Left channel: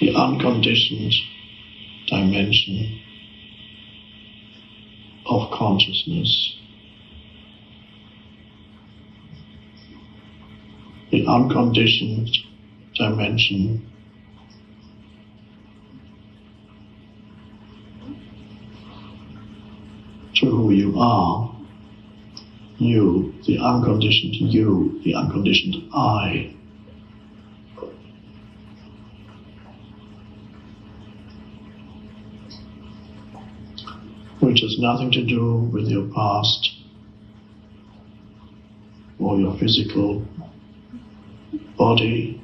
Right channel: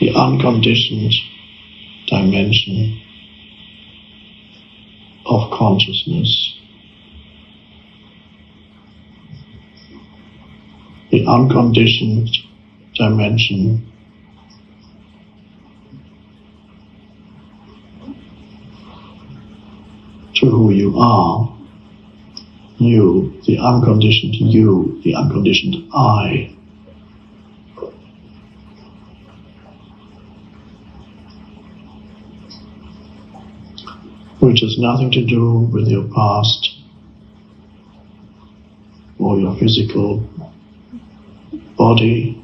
the unconditioned dimension of consciousness. The unconditioned dimension to who you are. You, the unconditioned you, the unconditioned I. Which has nothing to do with your past or your physical body,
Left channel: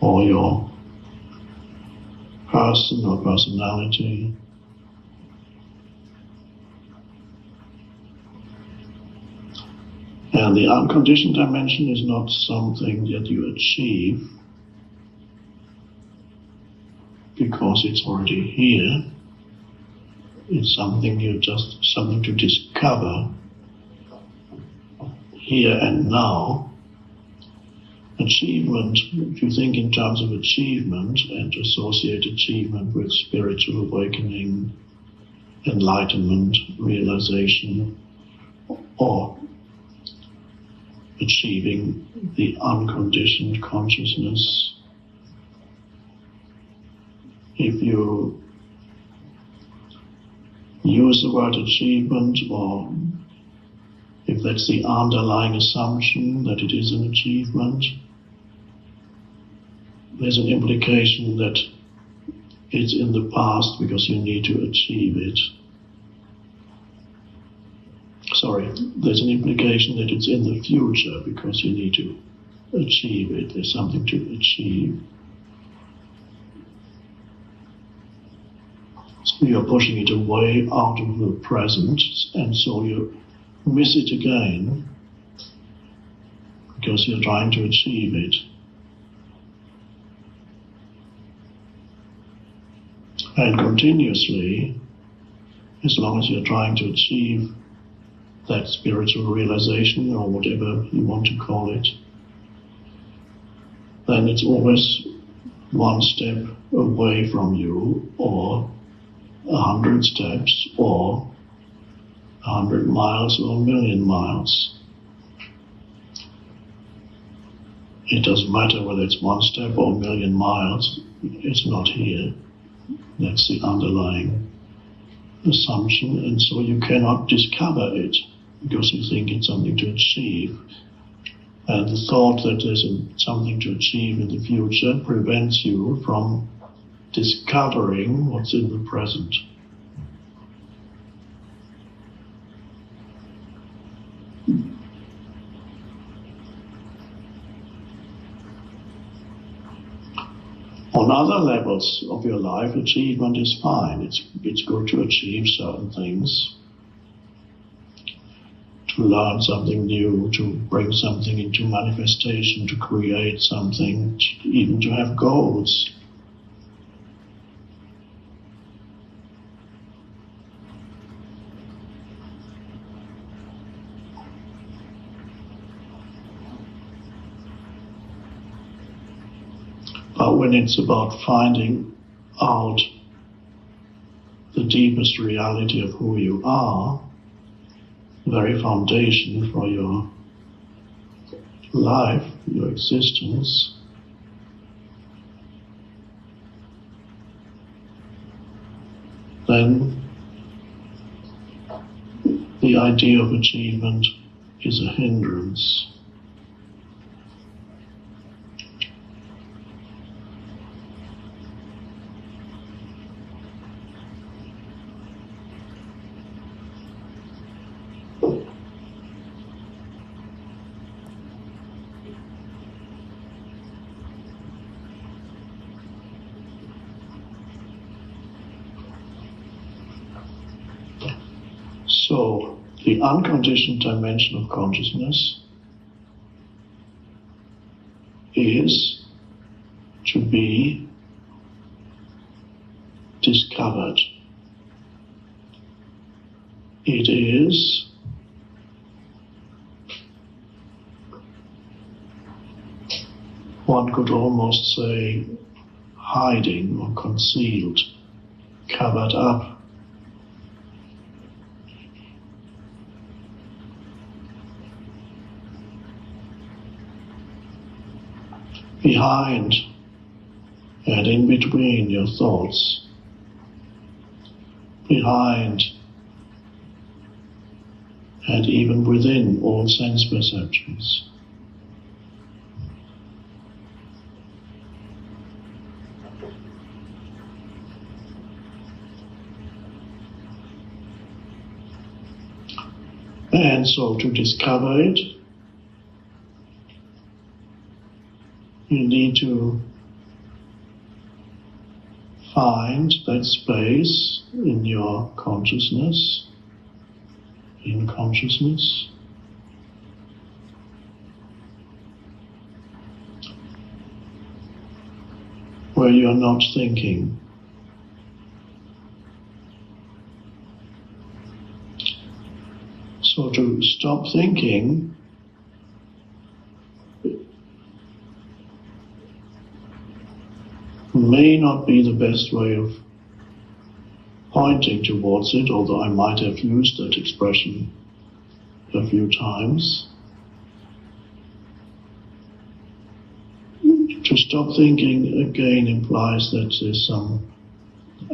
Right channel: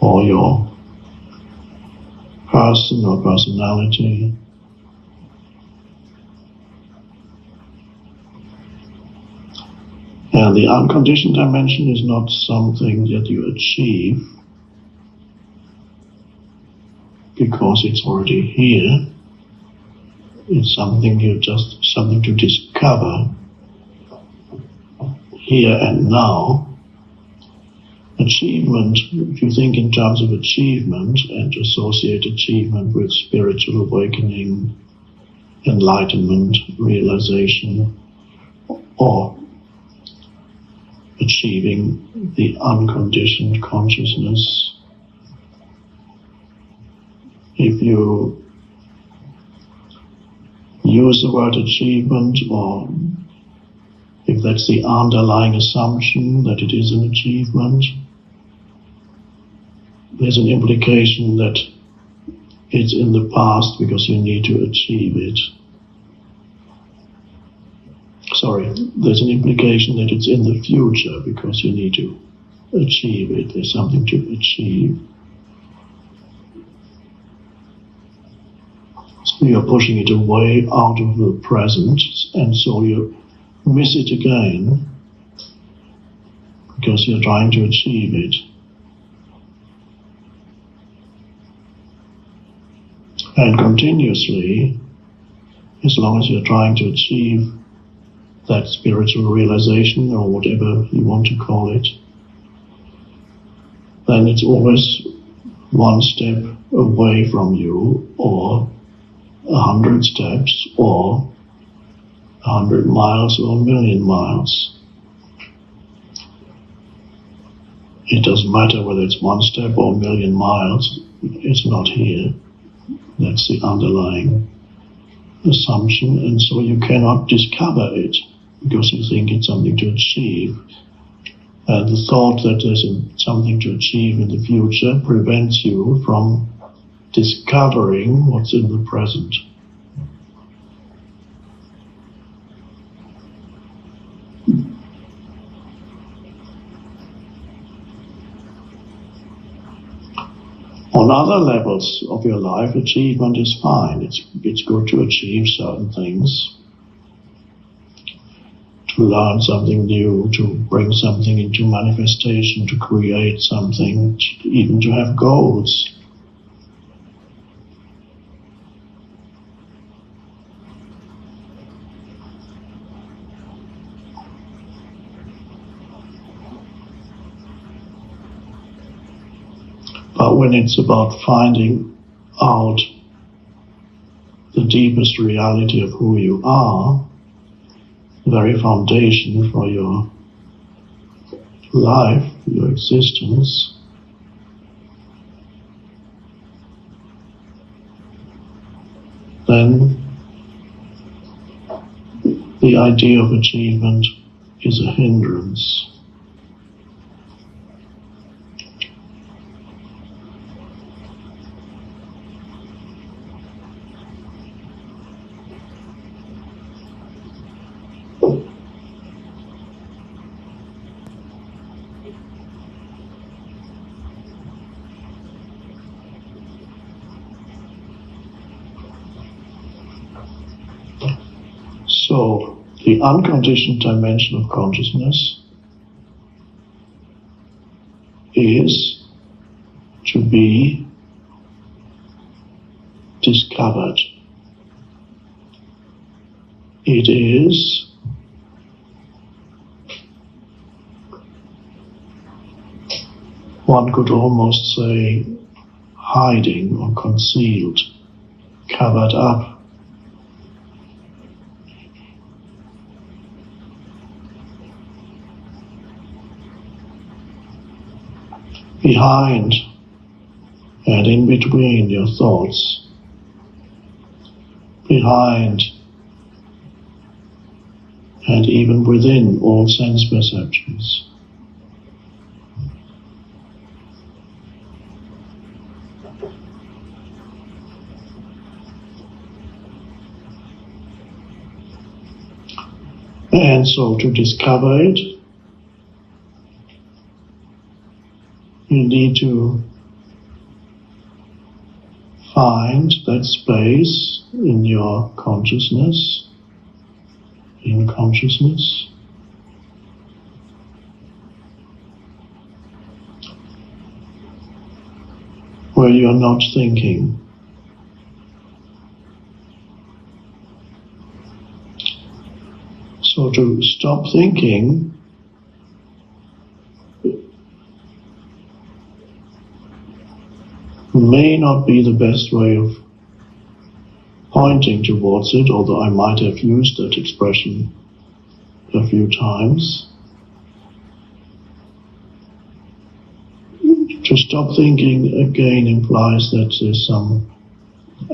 or your person or personality. And the unconditioned dimension is not something that you achieve because it's already here. It's something something to discover here and now. Achievement, if you think in terms of achievement and associate achievement with spiritual awakening, enlightenment, realization, or achieving the unconditioned consciousness. If you use the word achievement, or if that's the underlying assumption that it is an achievement, there's an implication that it's in the past because you need to achieve it. There's an implication that it's in the future because you need to achieve it. There's something to achieve. So you're pushing it away out of the present, and so you miss it again because you're trying to achieve it. And continuously, as long as you're trying to achieve that spiritual realization, or whatever you want to call it, then it's always one step away from you, or 100 steps, or 100 miles, or 1,000,000 miles. It doesn't matter whether it's one step or 1,000,000 miles, it's not here. That's the underlying assumption, and so you cannot discover it because you think it's something to achieve. And the thought that there's something to achieve in the future prevents you from discovering what's in the present. On other levels of your life, achievement is fine. It's good to achieve certain things, to learn something new, to bring something into manifestation, to create something, even to have goals. But when it's about finding out the deepest reality of who you are, the very foundation for your life, your existence, then the idea of achievement is a hindrance. So, the unconditioned dimension of consciousness is to be discovered. It is one could almost say hiding or concealed, covered up. Behind and in between your thoughts, behind and even within all sense perceptions. And so to discover it, you need to find that space in your consciousness, in consciousness, where you're not thinking. So to stop thinking may not be the best way of pointing towards it, although I might have used that expression a few times. To stop thinking again implies that there's some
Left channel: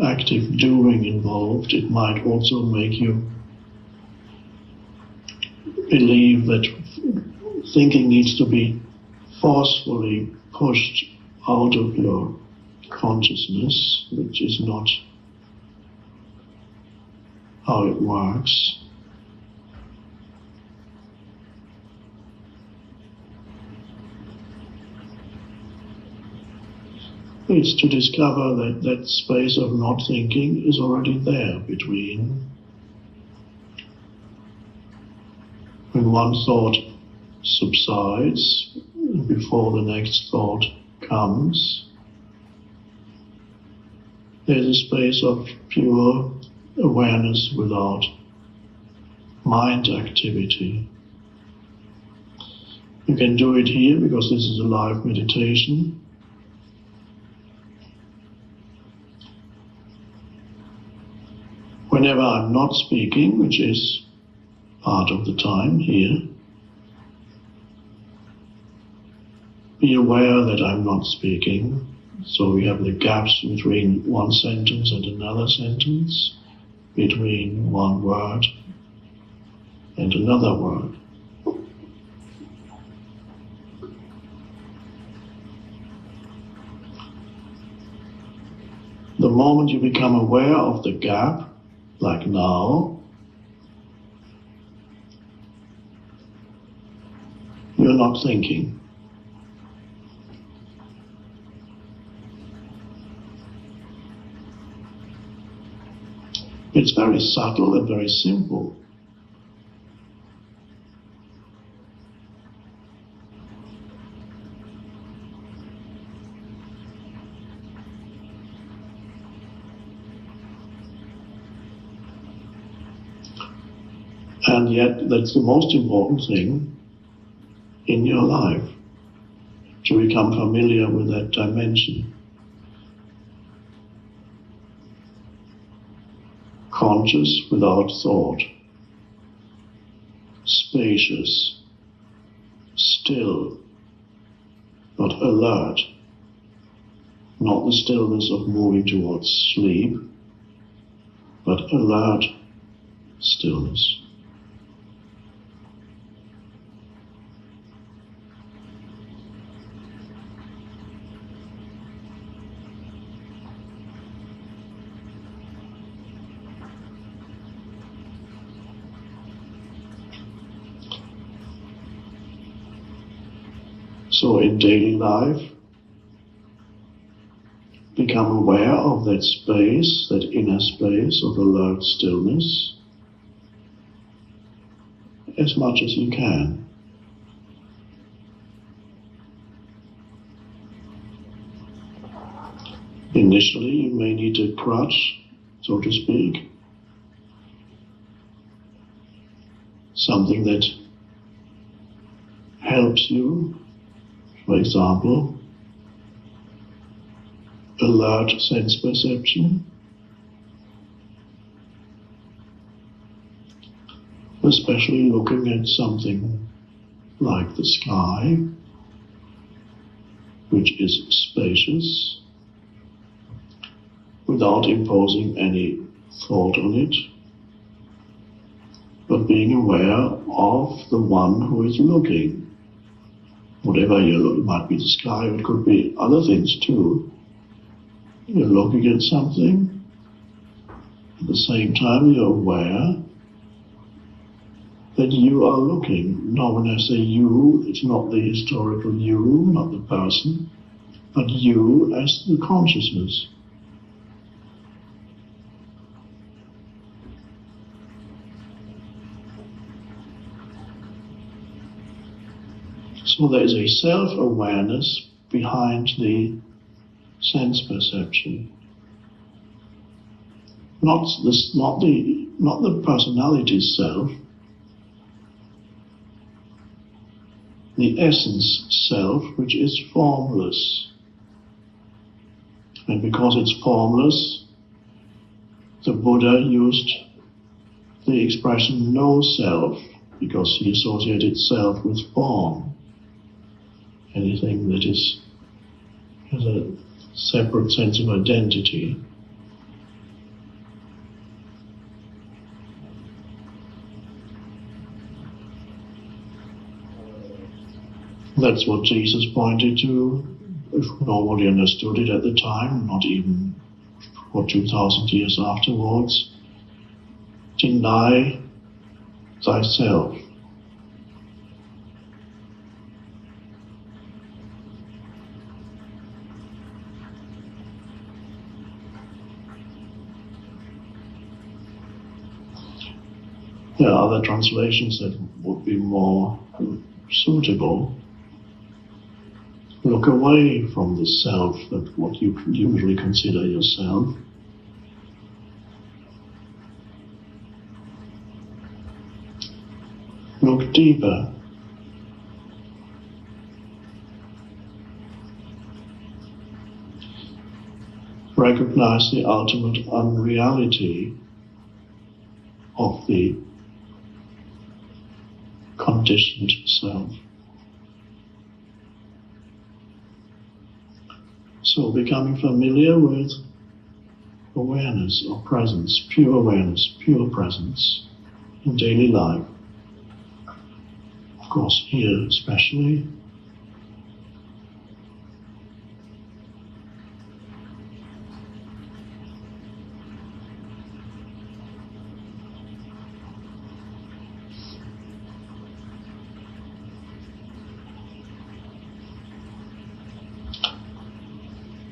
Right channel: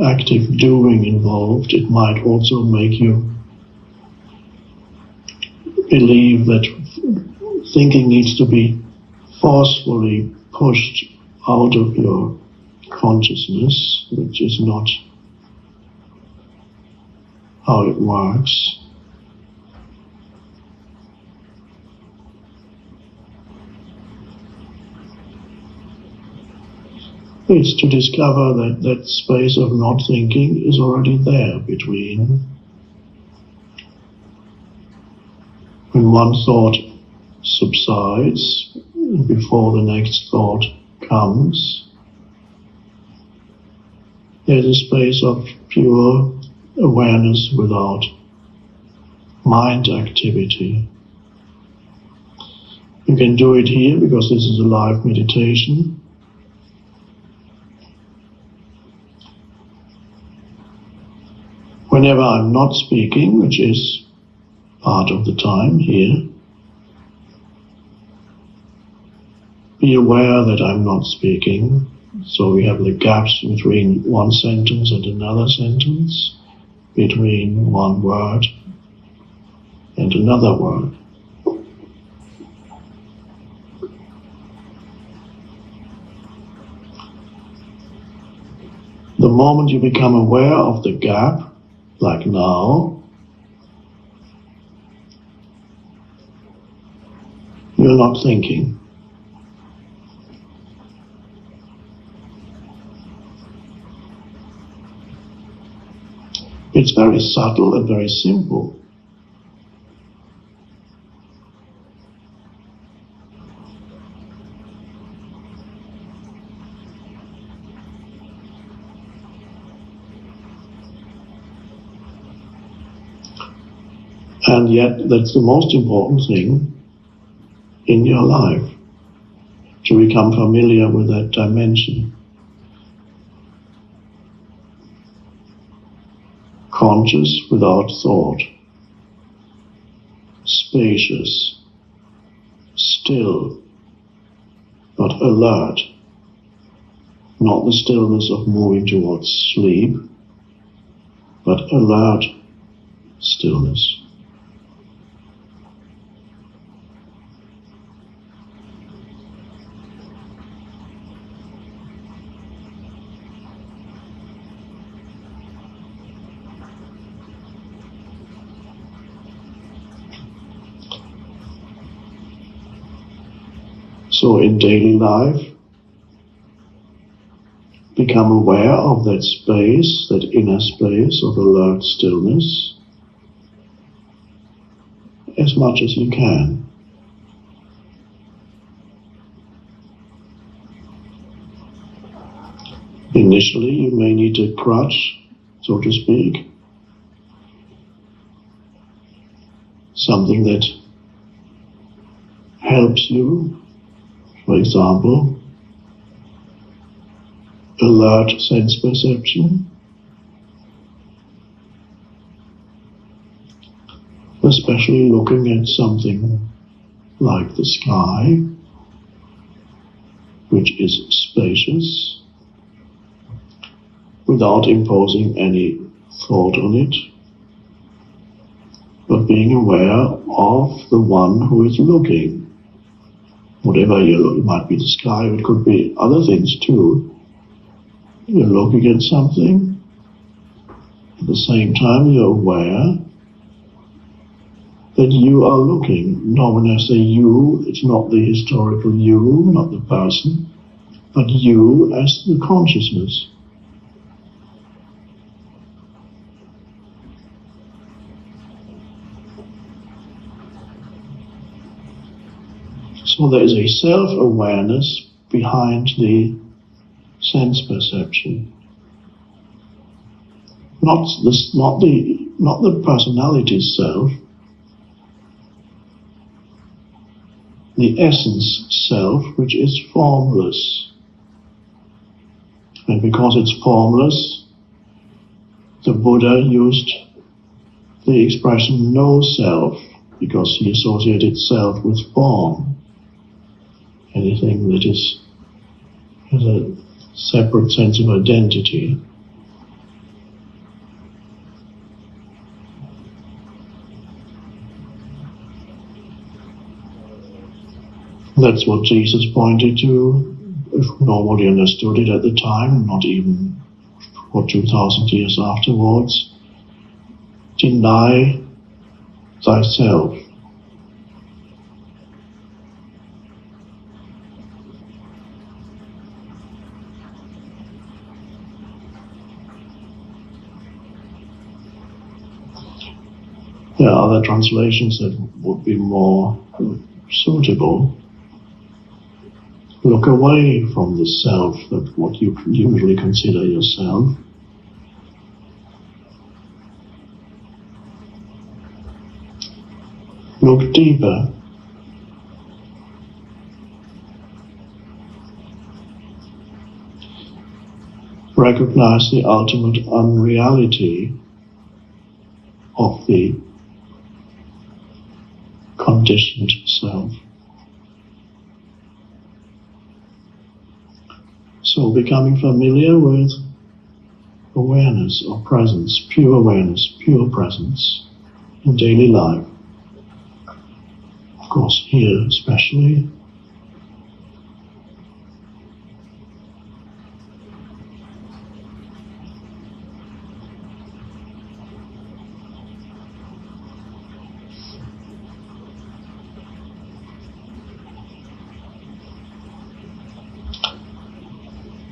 active doing involved. It might also make you believe that thinking needs to be forcefully pushed out of your consciousness, which is not how it works. It's to discover that that space of not thinking is already there between when one thought subsides before the next thought comes. There's a space of pure awareness without mind activity. You can do it here because this is a live meditation. Whenever I'm not speaking, which is part of the time here, be aware that I'm not speaking. So we have the gaps between one sentence and another sentence, between one word and another word. The moment you become aware of the gap, like now, you're not thinking. It's very subtle and very simple. And yet that's the most important thing in your life, to become familiar with that dimension. Conscious without thought, spacious, still, but alert, not the stillness of moving towards sleep, but alert stillness. So in daily life, become aware of that space, that inner space of alert stillness, as much as you can. Initially, you may need a crutch, so to speak, something that helps you. For example, alert sense perception, especially looking at something like the sky, which is spacious, without imposing any thought on it, but being aware of the one who is looking. Whatever you look, it might be the sky, it could be other things too. You're looking at something, at the same time you're aware that you are looking. Now when I say you, it's not the historical you, not the person, but you as the consciousness. So there is a self-awareness behind the sense perception. Not the personality self, the essence self, which is formless. And because it's formless, the Buddha used the expression no self, because he associated self with form. Anything that has a separate sense of identity. That's what Jesus pointed to, if nobody understood it at the time, not even for 2,000 years afterwards. Deny thyself. There are other translations that would be more suitable. Look away from the self, that what you usually consider yourself. Look deeper. Recognize the ultimate unreality of the conditioned self. So becoming familiar with awareness or presence, pure presence in daily life. Of course, here especially.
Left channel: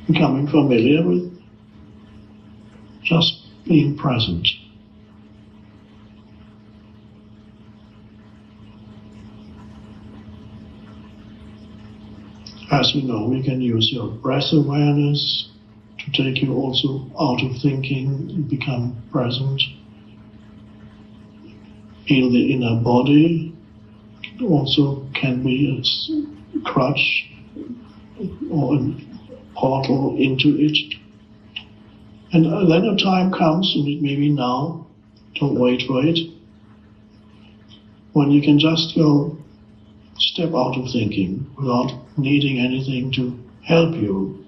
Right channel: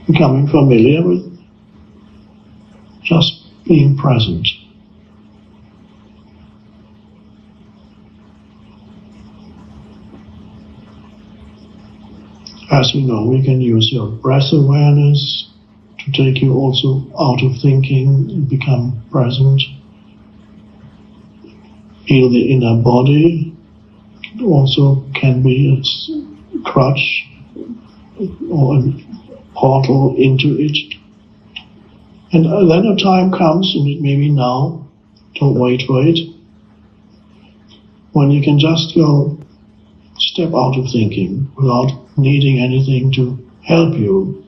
Becoming familiar with just being present. As you know, we can use your breath awareness to take you also out of thinking and become present. Feel the inner body. It also can be a crutch or a portal into it. And then a time comes, and it may be now, don't wait for it, when you can just go step out of thinking without needing anything to help you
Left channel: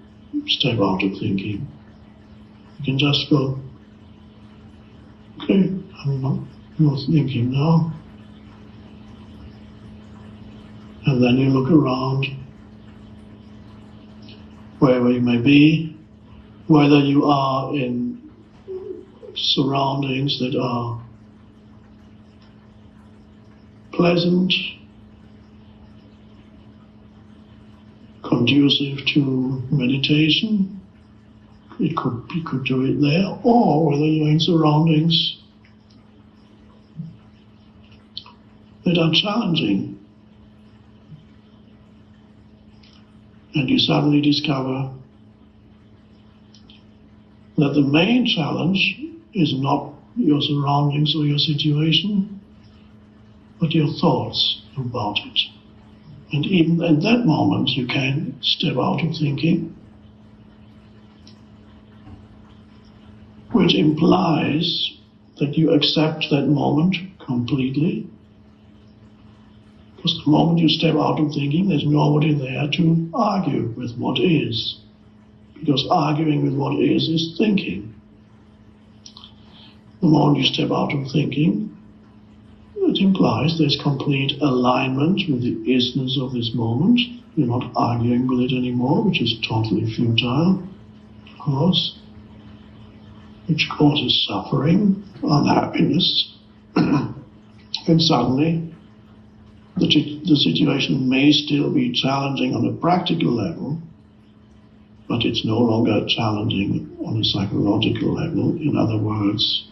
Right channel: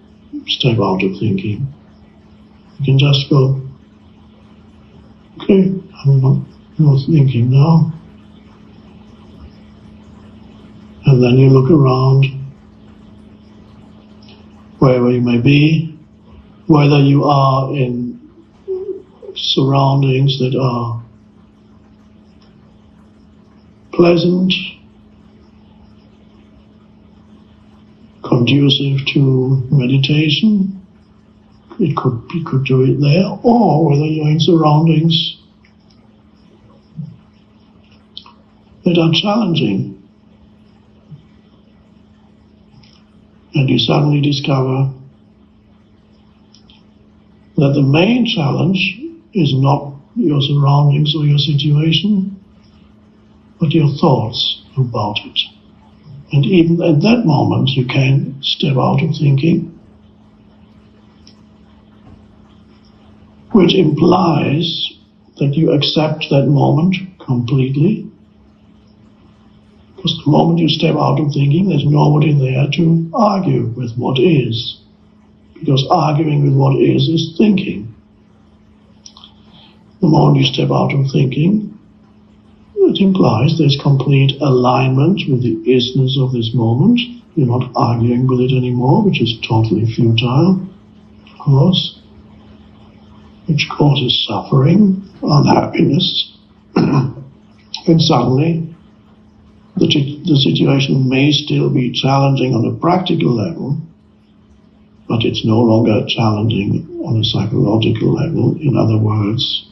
step out of thinking. You can just go, okay, I'm not thinking now. And then you look around, wherever you may be, whether you are in surroundings that are pleasant, conducive to meditation, you could do it there, or whether you're in surroundings that are challenging, and you suddenly discover that the main challenge is not your surroundings or your situation, but your thoughts about it. And even at that moment, you can step out of thinking which implies that you accept that moment completely. Because the moment you step out of thinking, there's nobody there to argue with what is. Because arguing with what is thinking. The moment you step out of thinking, it implies there's complete alignment with the isness of this moment. You're not arguing with it anymore, which is totally futile, of course, which causes suffering, unhappiness, and suddenly the situation may still be challenging on a practical level, but it's no longer challenging on a psychological level. In other words,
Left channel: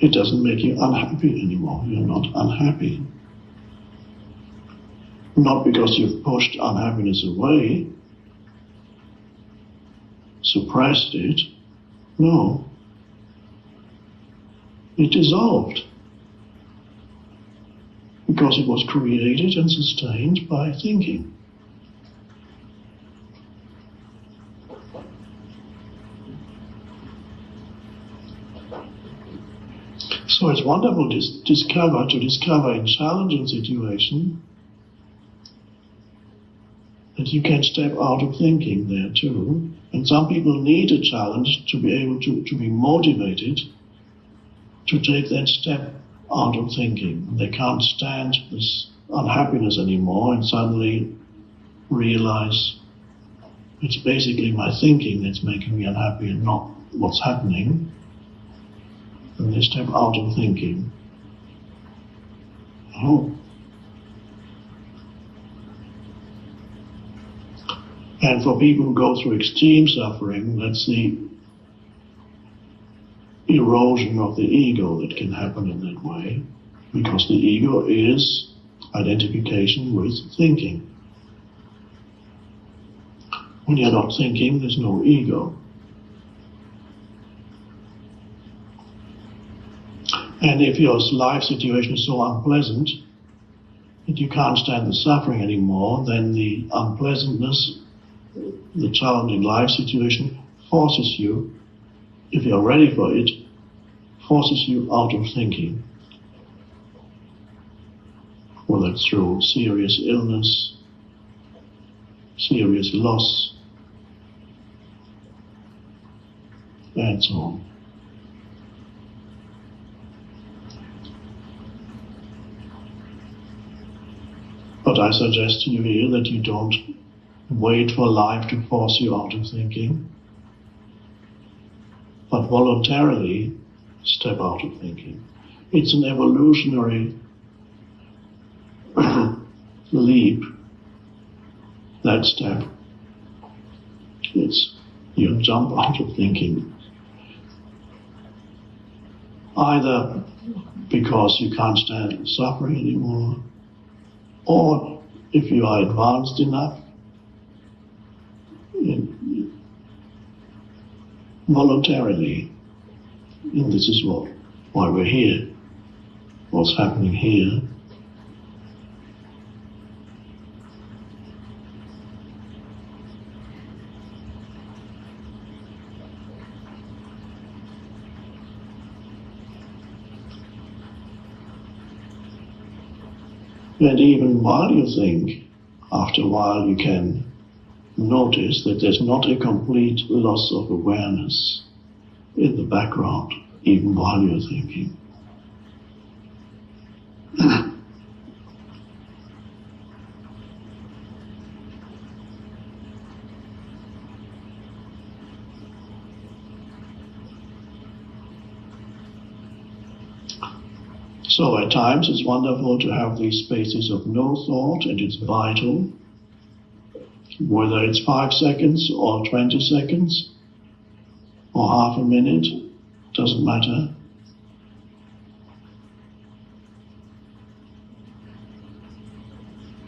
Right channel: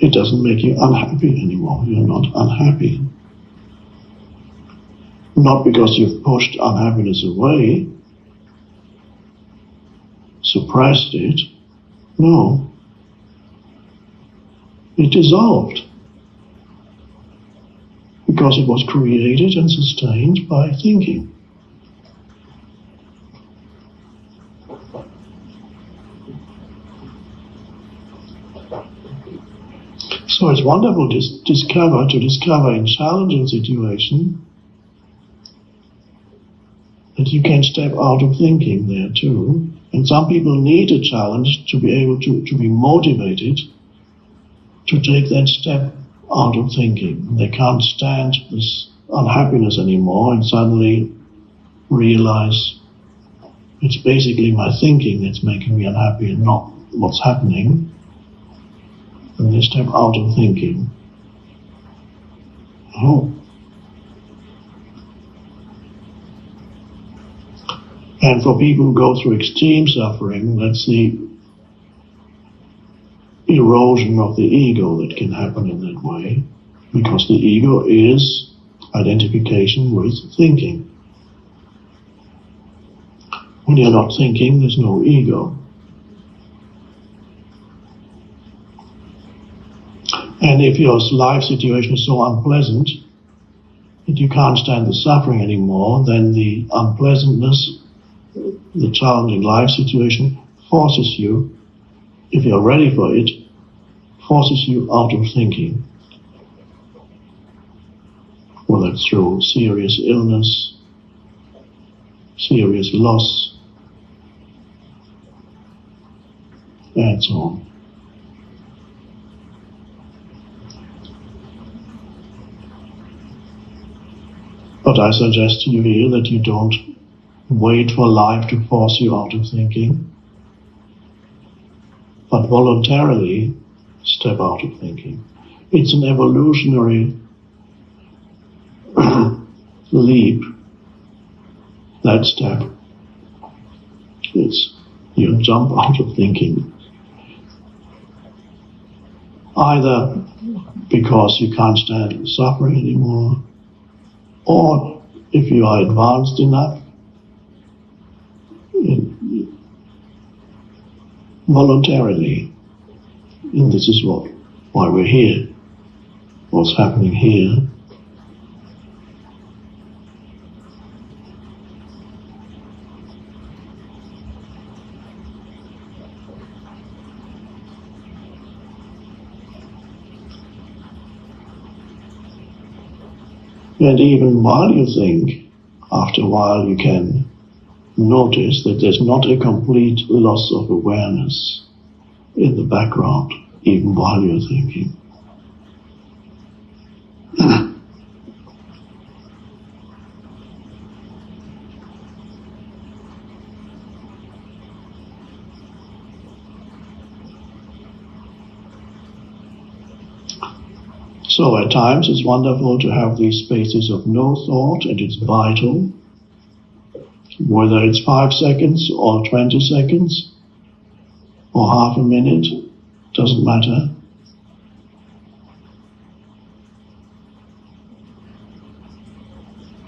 it doesn't make you unhappy anymore. You're not unhappy. Not because you've pushed unhappiness away, suppressed it. No. It dissolved. Because it was created and sustained by thinking. So it's wonderful to discover in challenging situations that you can step out of thinking there too. And some people need a challenge to be able to be motivated to take that step out of thinking. They can't stand this unhappiness anymore and suddenly realize it's basically my thinking that's making me unhappy and not what's happening. And they step out of thinking. Oh. And for people who go through extreme suffering, that's the erosion of the ego that can happen in that way, because the ego is identification with thinking. When you're not thinking, there's no ego. And if your life situation is so unpleasant that you can't stand the suffering anymore, then the unpleasantness, the challenging life situation forces you, if you're ready for it, forces you out of thinking. Whether it's through serious illness, serious loss, and so on. But I suggest to you here that you don't wait for life to force you out of thinking, but voluntarily step out of thinking. It's an evolutionary leap, that step. It's you jump out of thinking. Either because you can't stand suffering anymore, or if you are advanced enough, voluntarily. And this is why we're here, what's happening here. And even while you think, after a while you can notice that there's not a complete loss of awareness in the background, even while you're thinking. So at times it's wonderful to have these spaces of no thought, and it's vital. Whether it's 5 seconds or 20 seconds or half a minute, doesn't matter.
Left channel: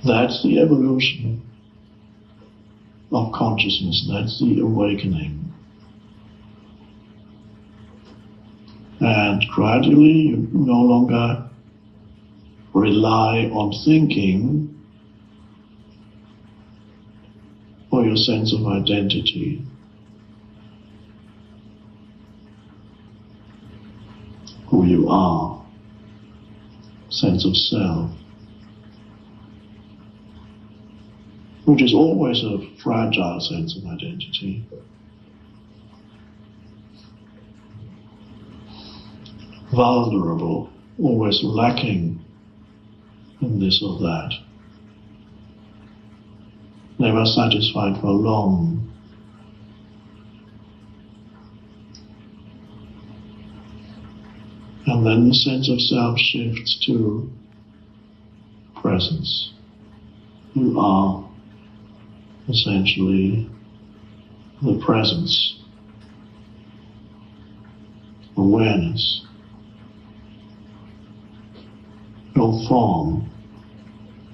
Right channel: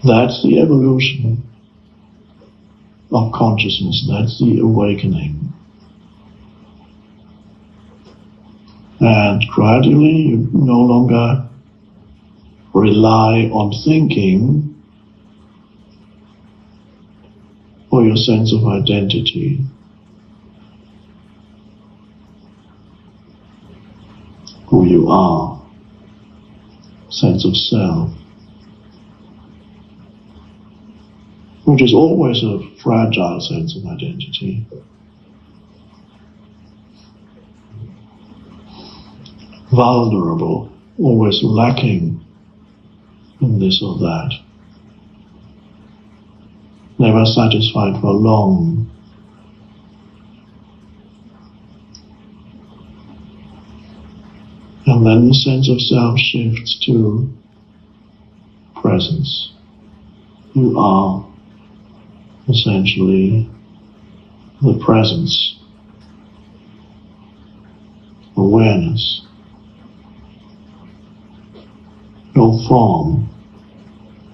That's the evolution of consciousness. That's the awakening. And gradually you no longer rely on thinking or your sense of identity, who you are, sense of self, which is always a fragile sense of identity. Vulnerable, always lacking in this or that. Never satisfied for long. And then the sense of self shifts to presence. You are essentially the presence, awareness, no form,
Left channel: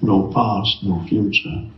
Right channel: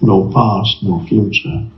no past, no future.